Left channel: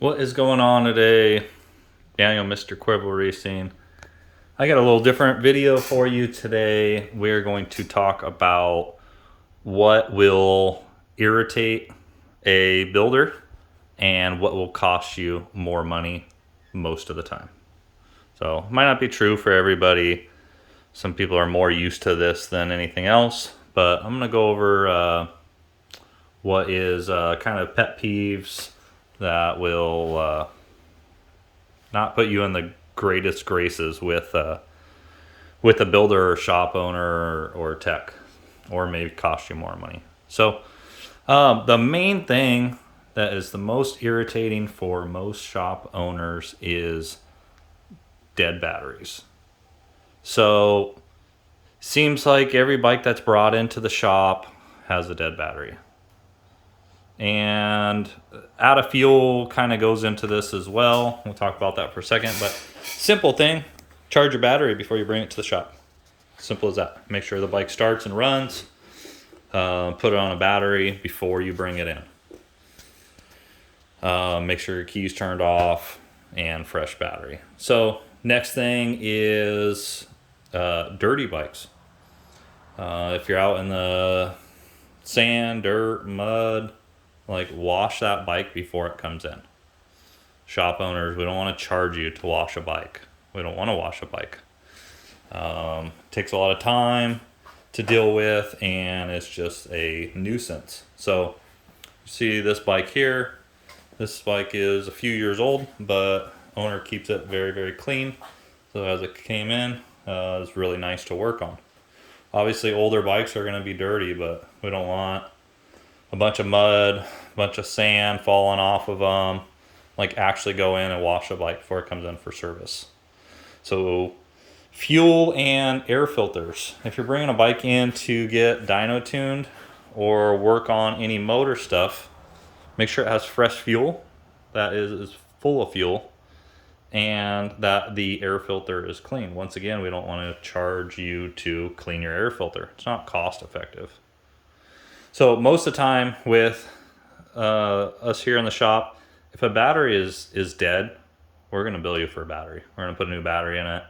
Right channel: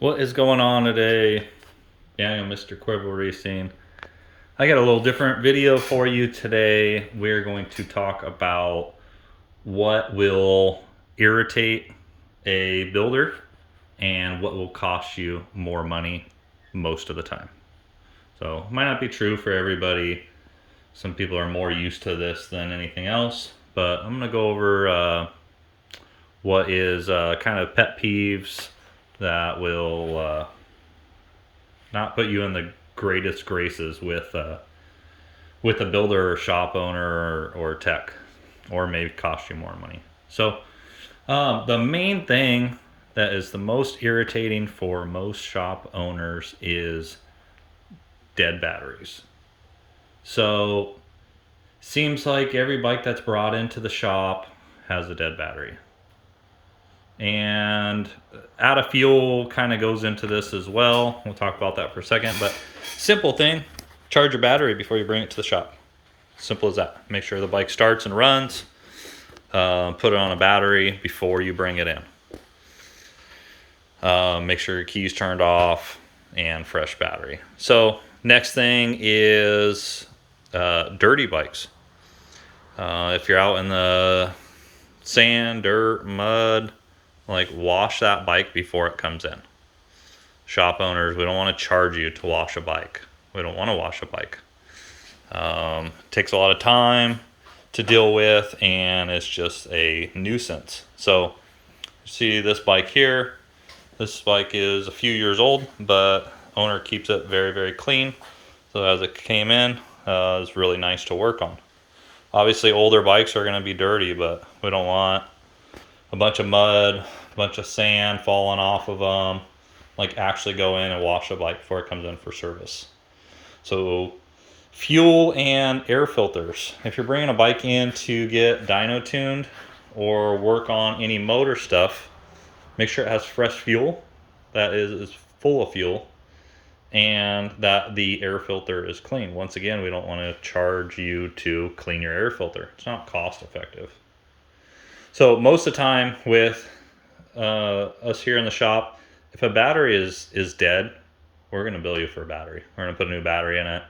What is going on today? Daniel, Mr. Cuervo Racing. I got a little different video for you today. We're going to talk about what will irritate a builder and what will cost you more money most of the time. So it might not be true for everybody. Some people are more used to this than anything else, but I'm going to go over what is kind of pet peeves that will not put you in the greatest graces with a builder or shop owner or tech, or maybe cost you more money. So the main thing that is the most irritating for most shop owners is dead batteries. So seems like every bike that's brought into the shop has a dead battery. And out of fuel kind of goes into this as well. We'll talk about that for a second, but simple thing, charge your battery before you bring it to the shop. Simple as that. Make sure the bike starts and runs. Put it on a battery before you bring it in. Make sure your key's turned off and fresh battery. So next thing is dirty bikes. If you're out in the sand, dirt, mud, like wash that bike before it comes in. Shop owners, we don't want to charge you to wash a bike. We don't want to wash a bike. Takes a lot of time to deal with, and it's just a nuisance. So you see this bike here. This bike is a few years old, but owner keeps it very, very clean. So as it came in, it's really nice to work on. Obviously older bikes are going to be dirty, but we don't want a bunch of mud, a bunch of sand falling off of them. Like actually go in and wash a bike before it comes in for service. So fuel and air filters. If you're bringing a bike in to get dyno tuned or work on any motor stuff, make sure it has fresh fuel that is full of fuel, and that the air filter is clean. Once again, we don't want to charge you to clean your air filter. It's not cost effective. So most of the time with us here in the shop, if a battery is dead, we're going to bill you for a battery. We're going to put a new battery in it.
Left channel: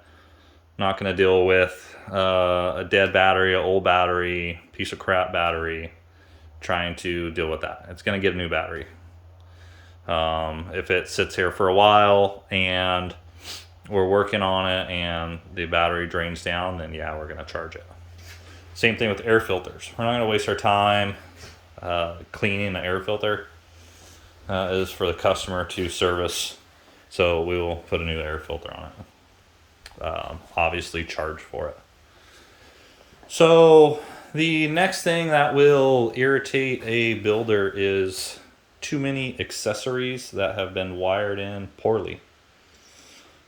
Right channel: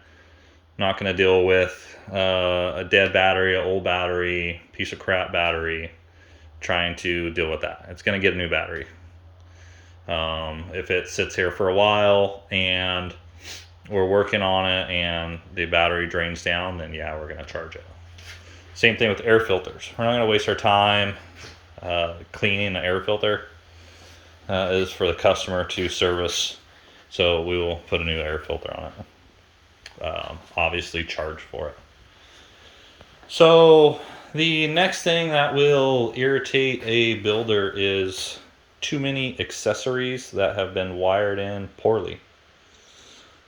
Not going to deal with a dead battery, an old battery, piece of crap battery, trying to deal with that. It's going to get a new battery. If it sits here for a while and we're working on it and the battery drains down, then yeah, we're going to charge it. Same thing with air filters. We're not going to waste our time cleaning the air filter. Is for the customer to service, so we will put a new air filter on it. Obviously charge for it. So the next thing that will irritate a builder is too many accessories that have been wired in poorly.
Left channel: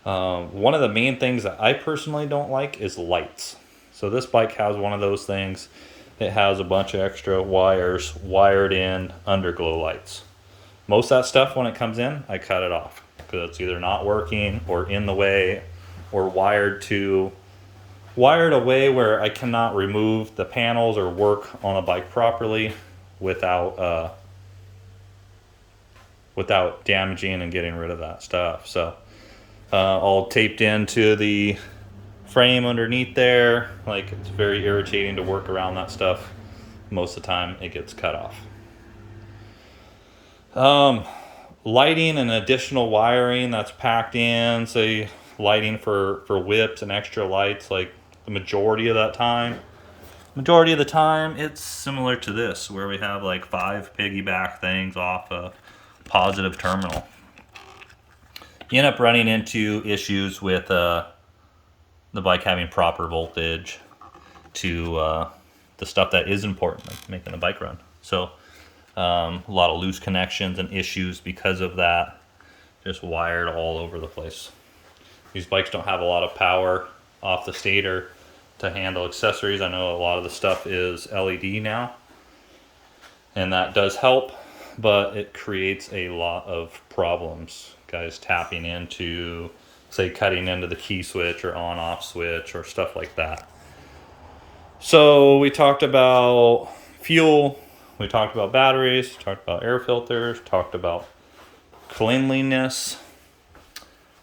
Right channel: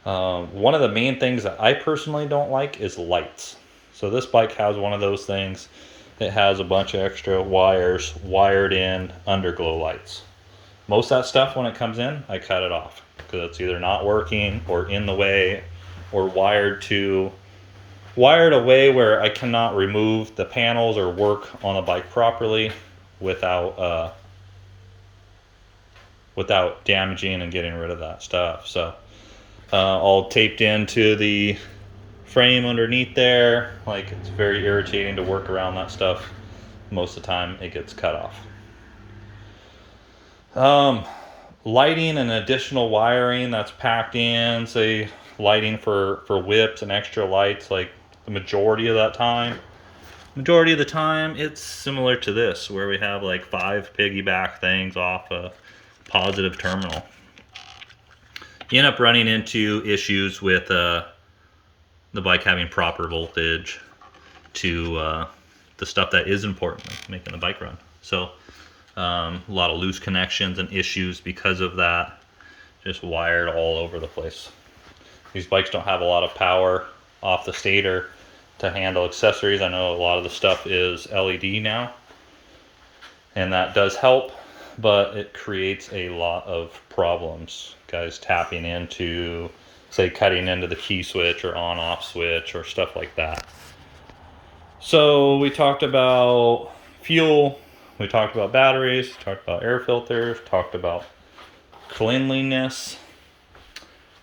One of the main things that I personally don't like is lights. So this bike has one of those things. It has a bunch of extra wires wired in underglow lights. Most of that stuff, when it comes in, I cut it off because it's either not working or in the way or wired away where I cannot remove the panels or work on the bike properly without damaging and getting rid of that stuff. So all taped into the frame underneath there. Like, it's very irritating to work around that stuff. Most of the time it gets cut off. Lighting and additional wiring that's packed in, say lighting for whips and extra lights, like the majority of the time it's similar to this, where we have like 5 piggyback things off a positive terminal. You end up running into issues with the bike having proper voltage to the stuff that is important, like making the bike run. So a lot of loose connections and issues because of that, just wired all over the place. These bikes don't have a lot of power off the stator to handle accessories. I know a lot of the stuff is LED now, and that does help, but it creates a lot of problems. Guys tapping into, say, cutting into the key switch or on-off switch or stuff like that. So we talked about fuel. We talked about batteries, talked about air filters, talked about cleanliness.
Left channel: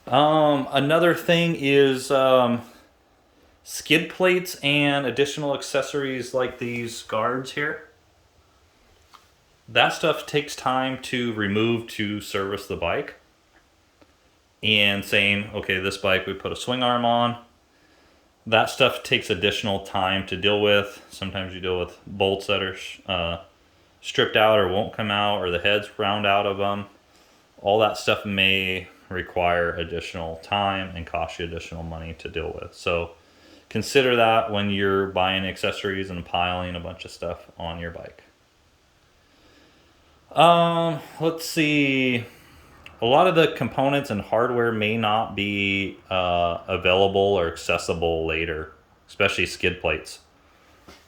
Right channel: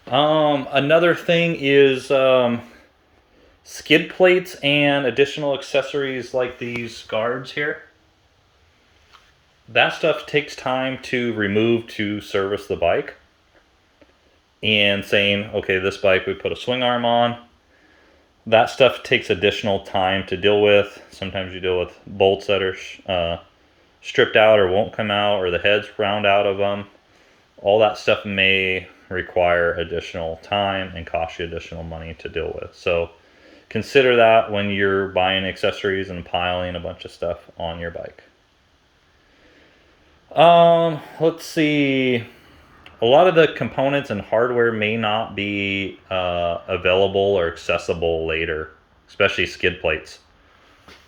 Another thing is skid plates and additional accessories like these guards here. That stuff takes time to remove to service the bike. And saying, okay, this bike we put a swing arm on. That stuff takes additional time to deal with. Sometimes you deal with bolts that are stripped out or won't come out, or the head's ground out of them. All that stuff may require additional time and cost you additional money to deal with. So consider that when you're buying accessories and piling a bunch of stuff on your bike. Let's see. A lot of the components and hardware may not be available or accessible later, especially skid plates.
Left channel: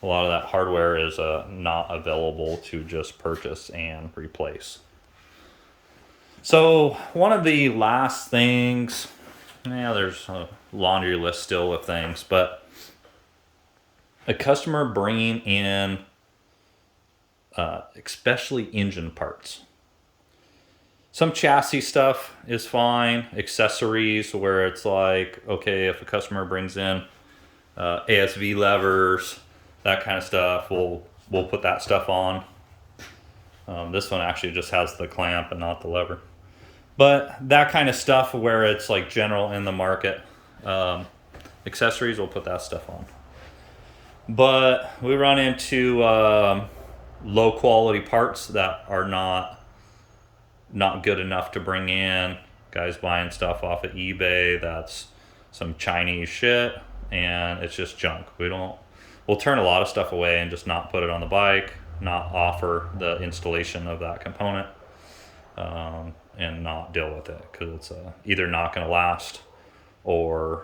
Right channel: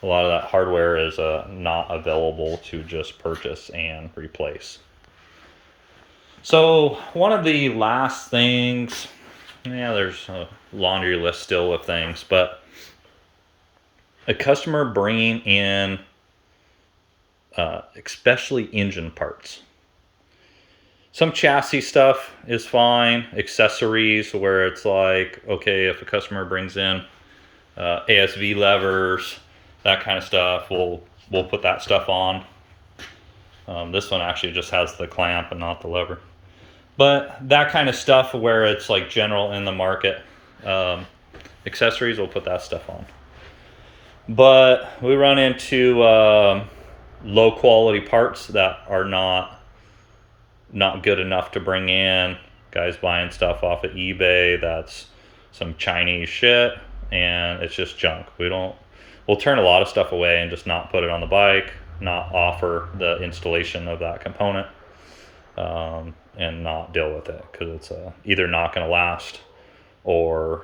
A lot of that hardware is not available to just purchase and replace. So one of the last things, there's a laundry list still of things, but a customer bringing in especially engine parts. Some chassis stuff is fine. Accessories where it's like, okay, if a customer brings in ASV levers, that kind of stuff, we'll put that stuff on. This one actually just has the clamp and not the lever. But that kind of stuff where it's like general in the market, accessories, we'll put that stuff on. But we run into low quality parts that are not good enough to bring in. Guys buying stuff off of eBay that's some Chinese shit and it's just junk. We'll turn a lot of stuff away and just not put it on the bike, not offer the installation of that component, and not deal with it because it's either not going to last or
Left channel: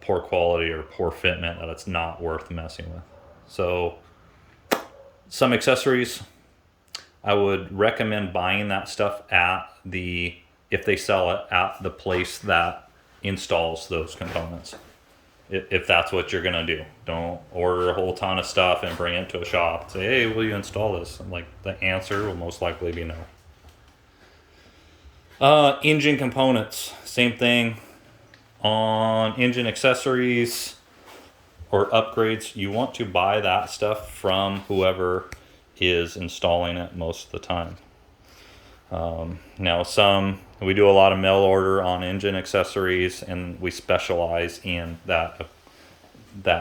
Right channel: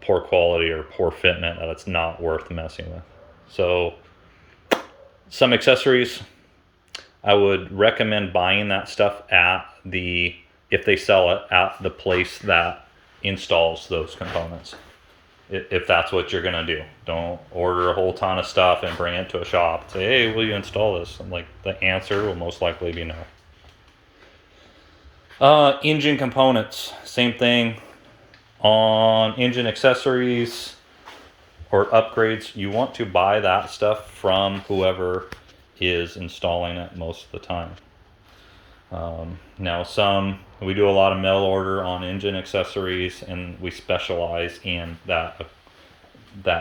poor quality or poor fitment that it's not worth messing with. So some accessories, I would recommend buying that stuff if they sell it, at the place that installs those components. If that's what you're gonna do. Don't order a whole ton of stuff and bring it to a shop and say, hey, will you install this? And like, the answer will most likely be no. Engine components, same thing. On engine accessories or upgrades, you want to buy that stuff from whoever is installing it most of the time. Now we do a lot of mail order on engine accessories and we specialize in that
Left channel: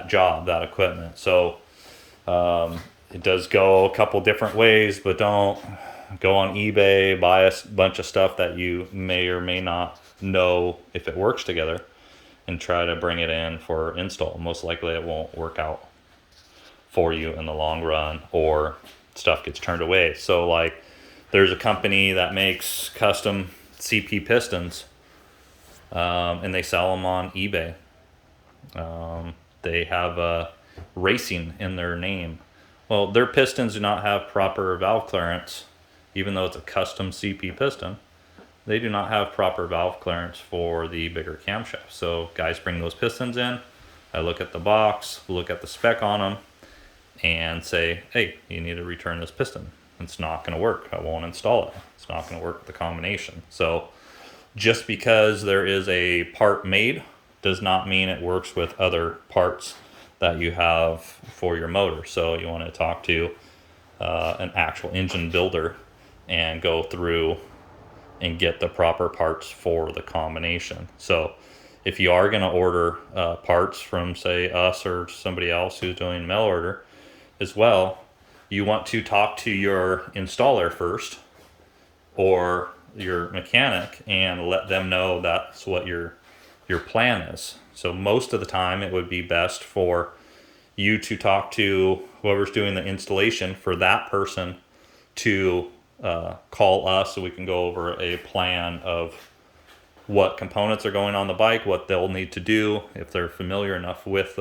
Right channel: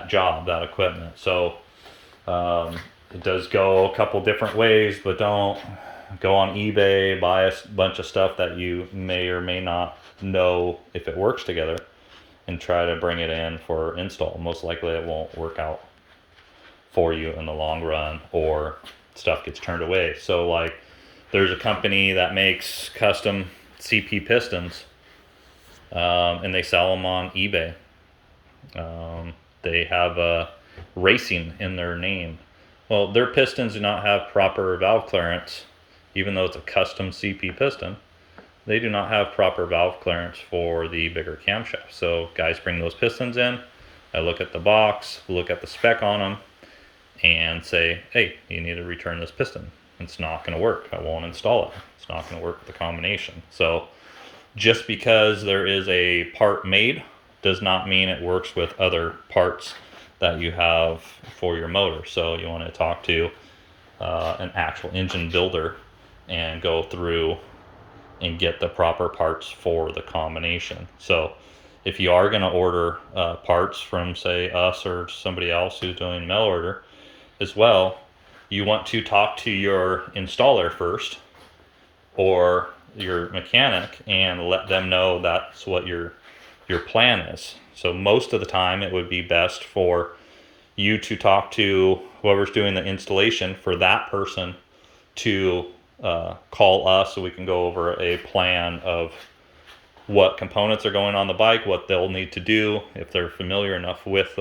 job, that equipment. So it does go a couple different ways, but don't go on eBay, buy a bunch of stuff that you may or may not know if it works together and try to bring it in for install. Most likely it won't work out for you in the long run, or stuff gets turned away. So like, there's a company that makes custom CP pistons, and they sell them on eBay. They have racing in their name. Well, their pistons do not have proper valve clearance, even though it's a custom CP piston. They do not have proper valve clearance for the bigger camshaft. So guys bring those pistons in. I look at the box, look at the spec on them, and say, hey, you need to return this piston. It's not going to work. I won't install it. It's not going to work with the combination. So just because there is a part made does not mean it works with other parts that you have for your motor. So you want to talk to an actual engine builder and go through and get the proper parts for the combination. So if you are going to order parts from, say, us or somebody else who's doing mail order as well, you want to talk to your installer first or your mechanic and let them know that's what your plan is. So most of the time it would be best for you to talk to whoever's doing the installation for that person to call us so we can go over a plan of what components are going on the bike, what they'll need to do if they're familiar enough with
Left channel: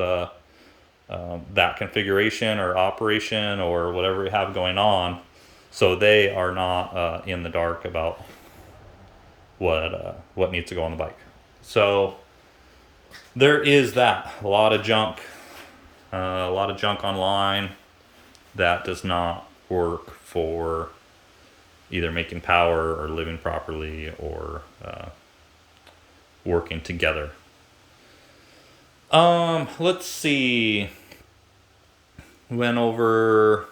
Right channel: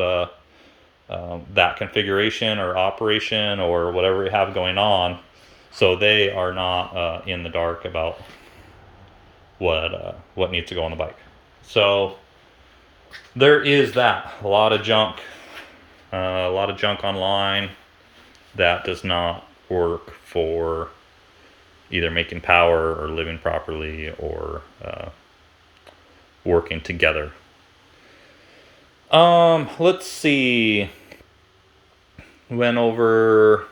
that configuration or operation or whatever we have going on, so they are not in the dark about what needs to go on the bike. So there is that. A lot of junk online that does not work for either making power or living properly or working together. Let's see. Went over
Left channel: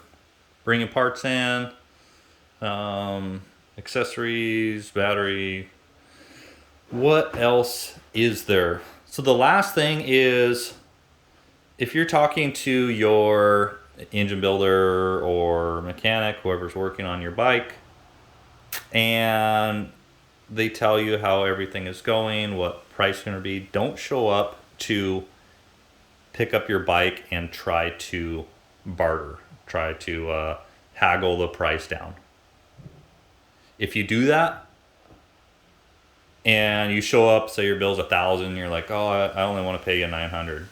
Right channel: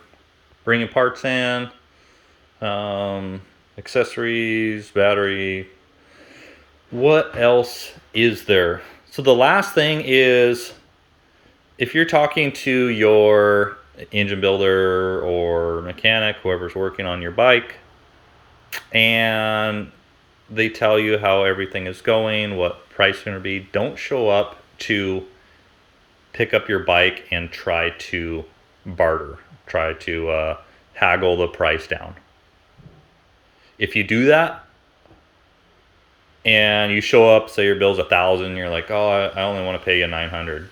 bringing parts in, accessories, battery. What else is there? So the last thing is, if you're talking to your engine builder or mechanic, whoever's working on your bike, and they tell you how everything is going, what price is going to be, don't show up to pick up your bike and try to barter, try to haggle the price down. If you do that and you show up, say your bill's $1,000, and you're like, oh, I only want to pay you $900.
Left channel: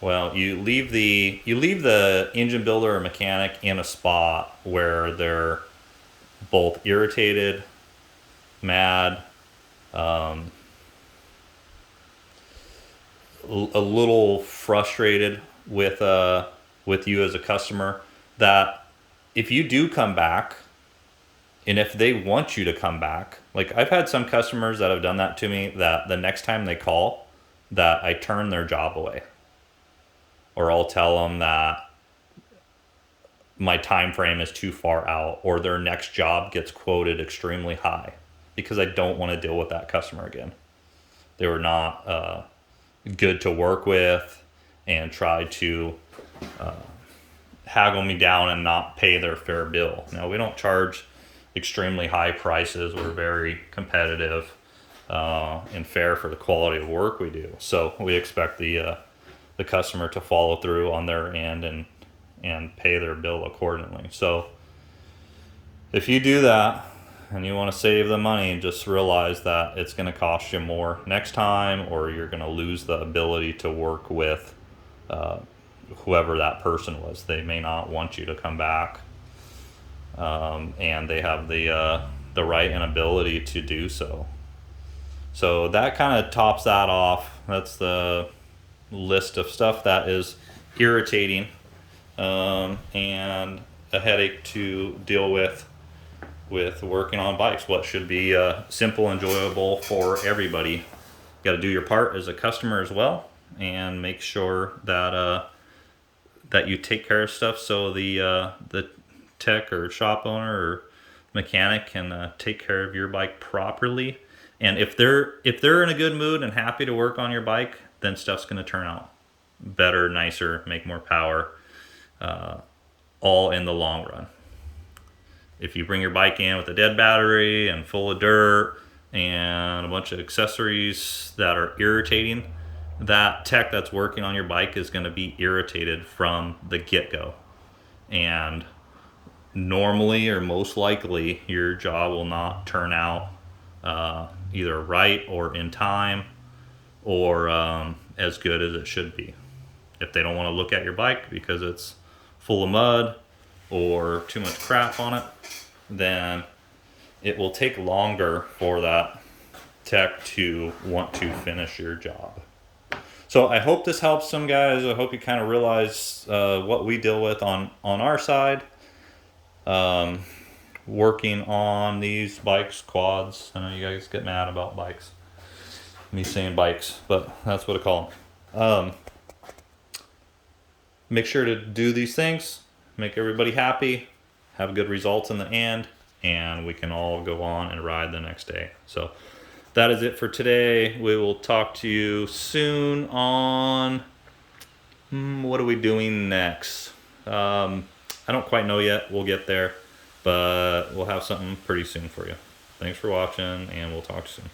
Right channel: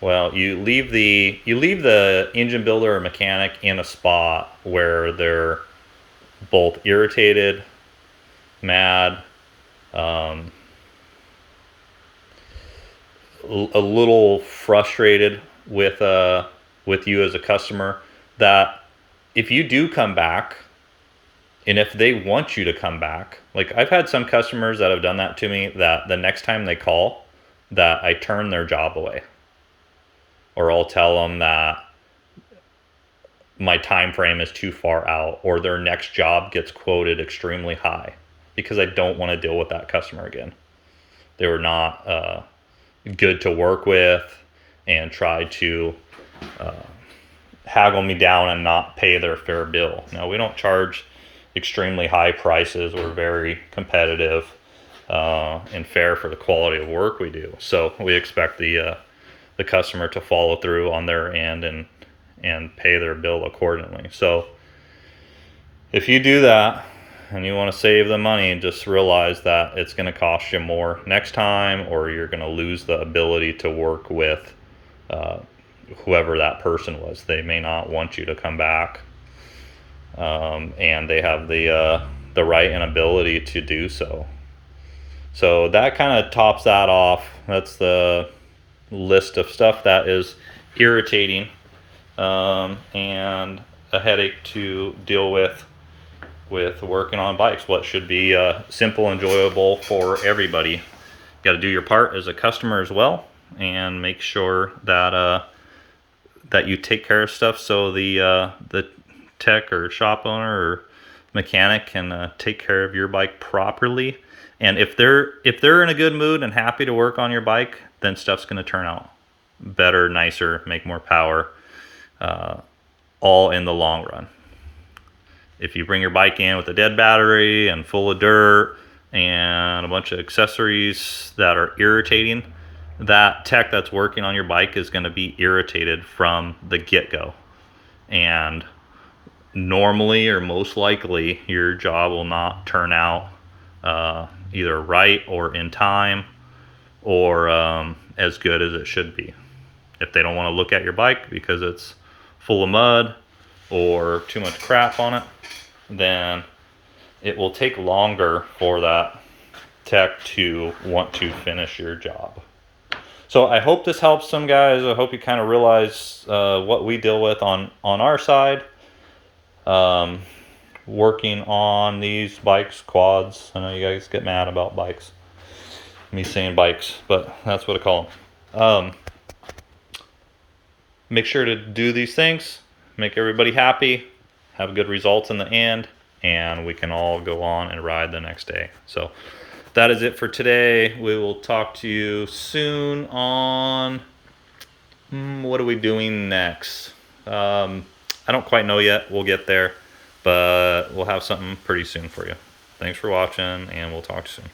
Well, you leave the engine builder or mechanic in a spot where they're both irritated, mad, a little frustrated with you as a customer, that if you do come back, and if they want you to come back, like I've had some customers that have done that to me, that the next time they call, that I turn their job away. Or I'll tell them that my time frame is too far out, or their next job gets quoted extremely high, because I don't want to deal with that customer again. They were not good to work with and tried to haggle me down and not pay their fair bill. Now, we don't charge extremely high prices. We're very competitive and fair for the quality of work we do. So we expect the customer to follow through on their end and pay their bill accordingly. So if you do that and you want to save the money, just realize that it's going to cost you more next time, or you're going to lose the ability to work with whoever that person was. They may not want you to come back, and they have the right and ability to do so. So that kind of tops that off. That's the list of stuff that is irritating and a headache to deal with working on bikes. What should be simple, enjoyable for everybody. You got to do your part as a customer as well, and make sure that that you take care of stuff so the tech or shop owner or mechanic can take care of your bike properly. And if they're in a good mood and happy to work on your bike, then stuff's going to turn out better, nicer, make more power, all in the long run. If you bring your bike in with a dead battery and full of dirt and a bunch of accessories that are irritating, that tech that's working on your bike is going to be irritated from the get-go. And normally, or most likely, your job will not turn out either right or in time, or as good as it should be. If they don't want to look at your bike because it's full of mud or too much crap on it, then it will take longer for that tech to want to finish your job. So I hope this helps some guys. I hope you kind of realize what we deal with on our side. Working on these bikes, quads. I know you guys get mad about bikes. Me saying bikes, but that's what I call them. Make sure to do these things, make everybody happy, have good results in the end, and we can all go on and ride the next day. So that is it for today. We will talk to you soon on what are we doing next? I don't quite know yet. We'll get there, but we'll have something pretty soon for you. Thanks for watching, and we'll talk to you soon.